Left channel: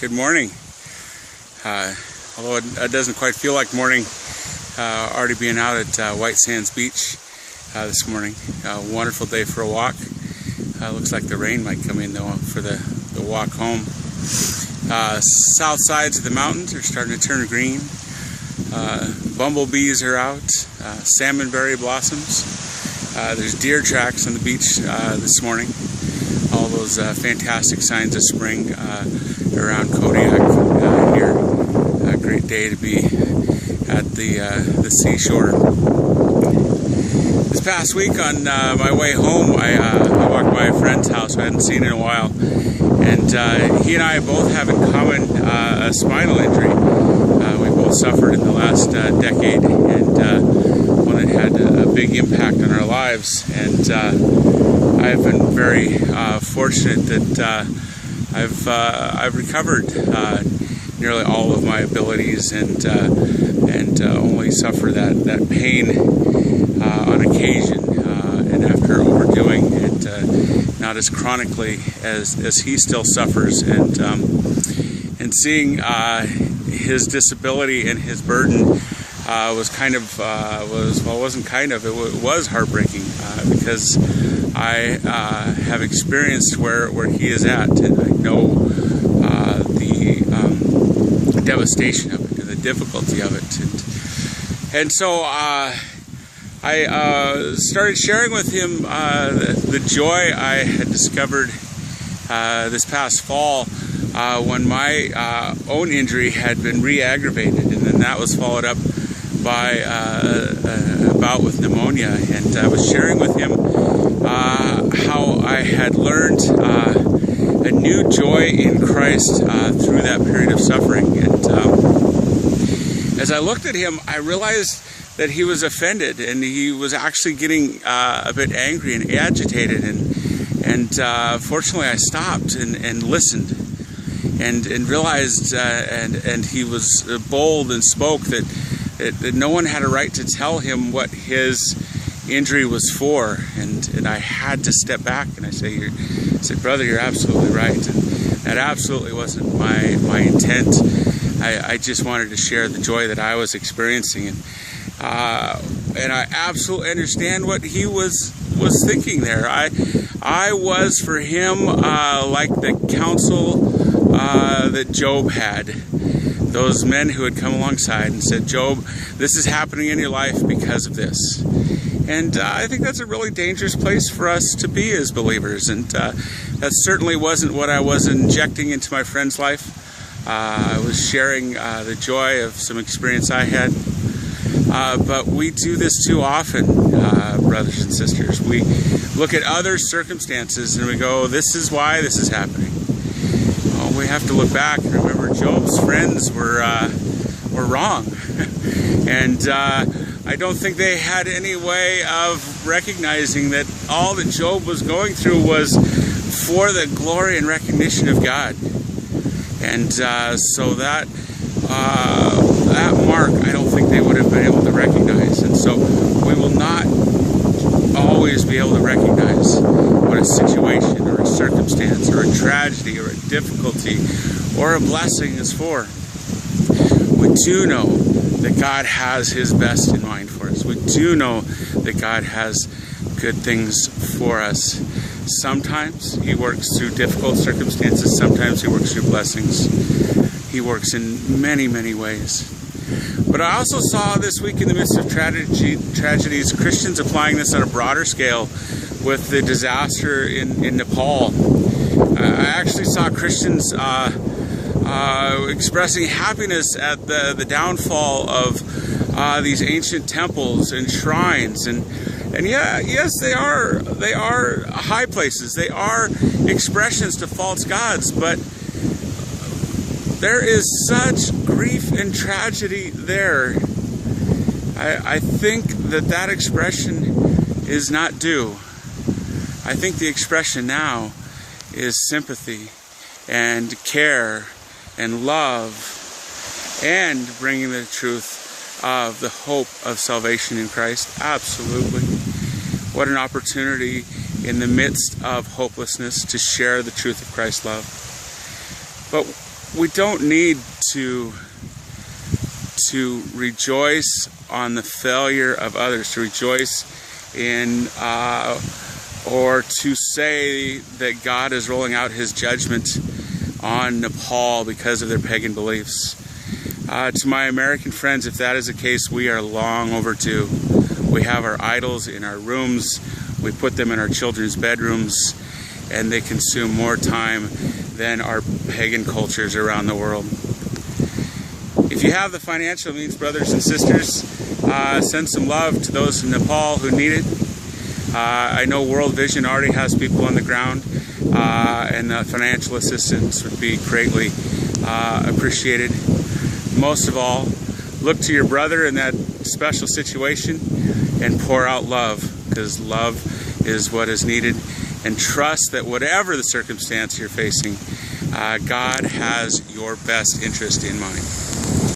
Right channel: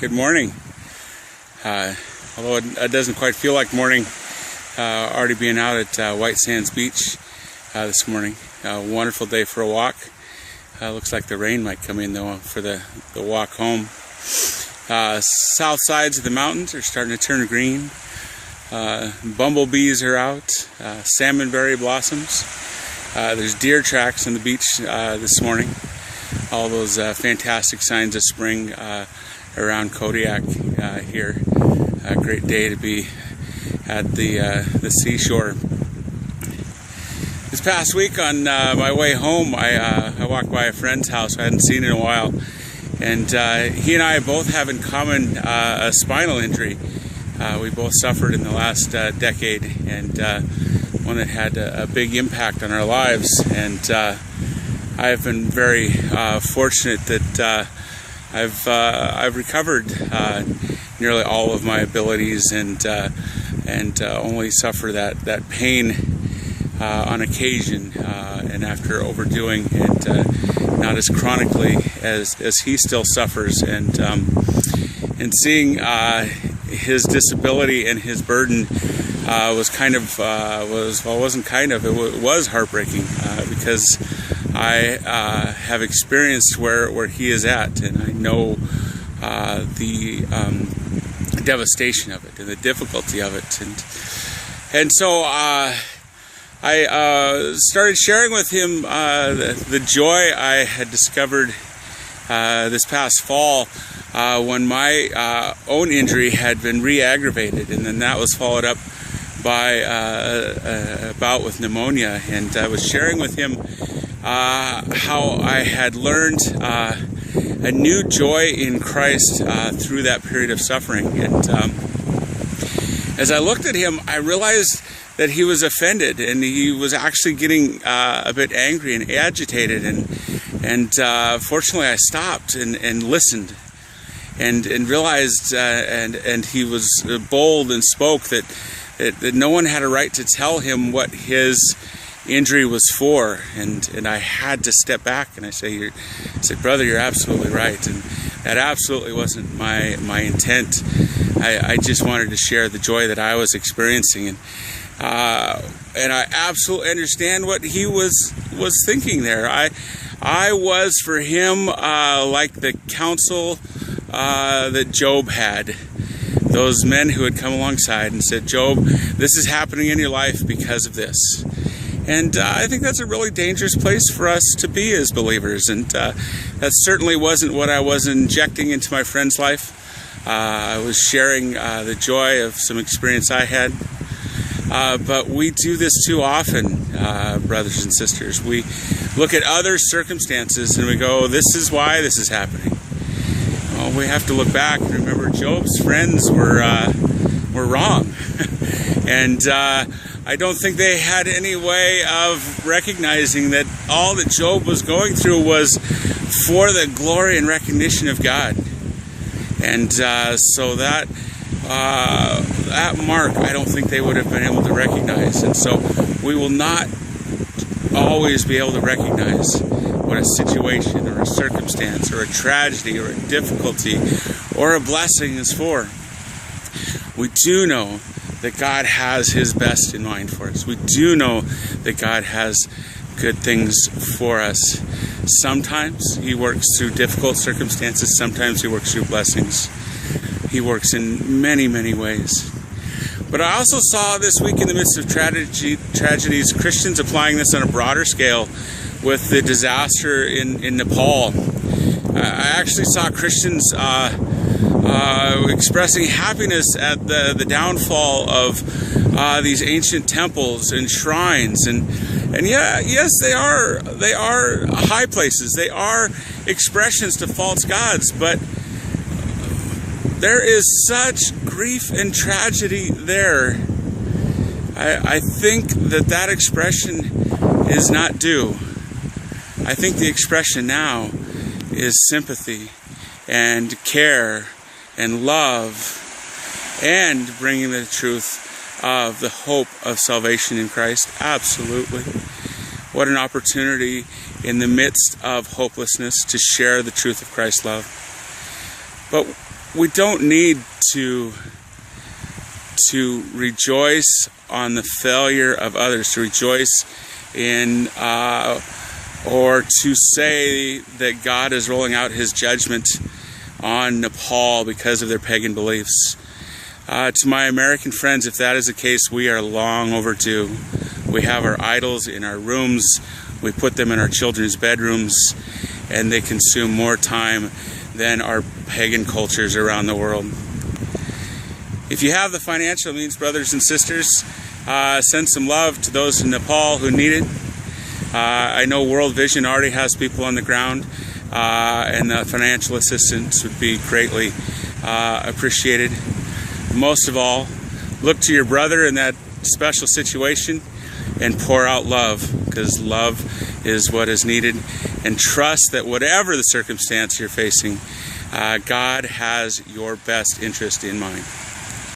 Good morning. Although it doesn't quite feel like morning, already being out at White Sands Beach this morning. Wonderful day for a walk. Looks like the rain might come in though for the walk home. South sides of the mountains are starting to turn green. Bumblebees are out. Salmonberry blossoms. There's deer tracks on the beach this morning. All those fantastic signs of spring around Kodiak here. A great day to be at the seashore. This past week on my way home, I walked by a friend's house I hadn't seen in a while, and he and I both have in common a spinal injury. We both suffered in the last decade, and one that had a big impact on our lives. And I've been very fortunate that I've recovered nearly all of my abilities, and only suffer that pain on occasion, and after overdoing it, not as chronically as he still suffers, and seeing his disability and his burden was heartbreaking, because I have experienced where he is at, and I know the devastation of it and the difficulty of it, and so I started sharing with him the joy I had discovered this past fall when my own injury had been re-aggravated, and then that was followed up by a bout with pneumonia. And I was sharing with him how I had learned a new joy in Christ through that period of suffering. And as I looked at him, I realized that he was offended, and he was actually getting a bit angry and agitated. And fortunately, I stopped and listened, and realized, and he was bold and spoke that no one had a right to tell him what his injury was for, and I had to step back, and I said, brother, you're absolutely right, and that absolutely wasn't my intent. I just wanted to share the joy that I was experiencing, and I absolutely understand what he was thinking there. I was for him like the counsel that Job had. Those men who had come alongside and said, Job, this is happening in your life because of this. And I think that's a really dangerous place for us to be as believers. And that certainly wasn't what I was injecting into my friend's life. I was sharing the joy of some experience I had. But we do this too often, brothers and sisters. We look at other circumstances and we go, this is why this is happening. We have to look back and remember Job's friends were wrong. And I don't think they had any way of recognizing that all that Job was going through was for the glory and recognition of God. And so that mark, I don't think they would have been able to recognize. And so we will not always be able to recognize what a situation or a circumstance or a tragedy or a difficulty or a blessing is for. We do know that God has his best in mind for us. We do know that God has good things for us. Sometimes he works through difficult circumstances. Sometimes he works through blessings. He works in many, many ways. But I also saw this week, in the midst of tragedies, Christians applying this on a broader scale with the disaster in Nepal. I actually saw Christians expressing happiness at the downfall of these ancient temples and shrines, and yeah, yes, they are high places. They are expressions to false gods, but there is such grief and tragedy there. I think that expression is not due. I think the expression now is sympathy and care and love and bringing the truth of the hope of salvation in Christ. Absolutely. What an opportunity in the midst of hopelessness to share the truth of Christ's love. But we don't need to rejoice on the failure of others, to rejoice in or to say that God is rolling out his judgment on Nepal because of their pagan beliefs. To my American friends, if that is the case, we are long overdue. We have our idols in our rooms, we put them in our children's bedrooms, and they consume more time than our pagan cultures around the world. If you have the financial means, brothers and sisters, send some love to those in Nepal who need it. I know World Vision already has people on the ground, and the financial assistance would be greatly appreciated. Most of all, look to your brother in that special situation and pour out love, because love is what is needed. And trust that whatever the circumstance you're facing, God has your best interest in mind.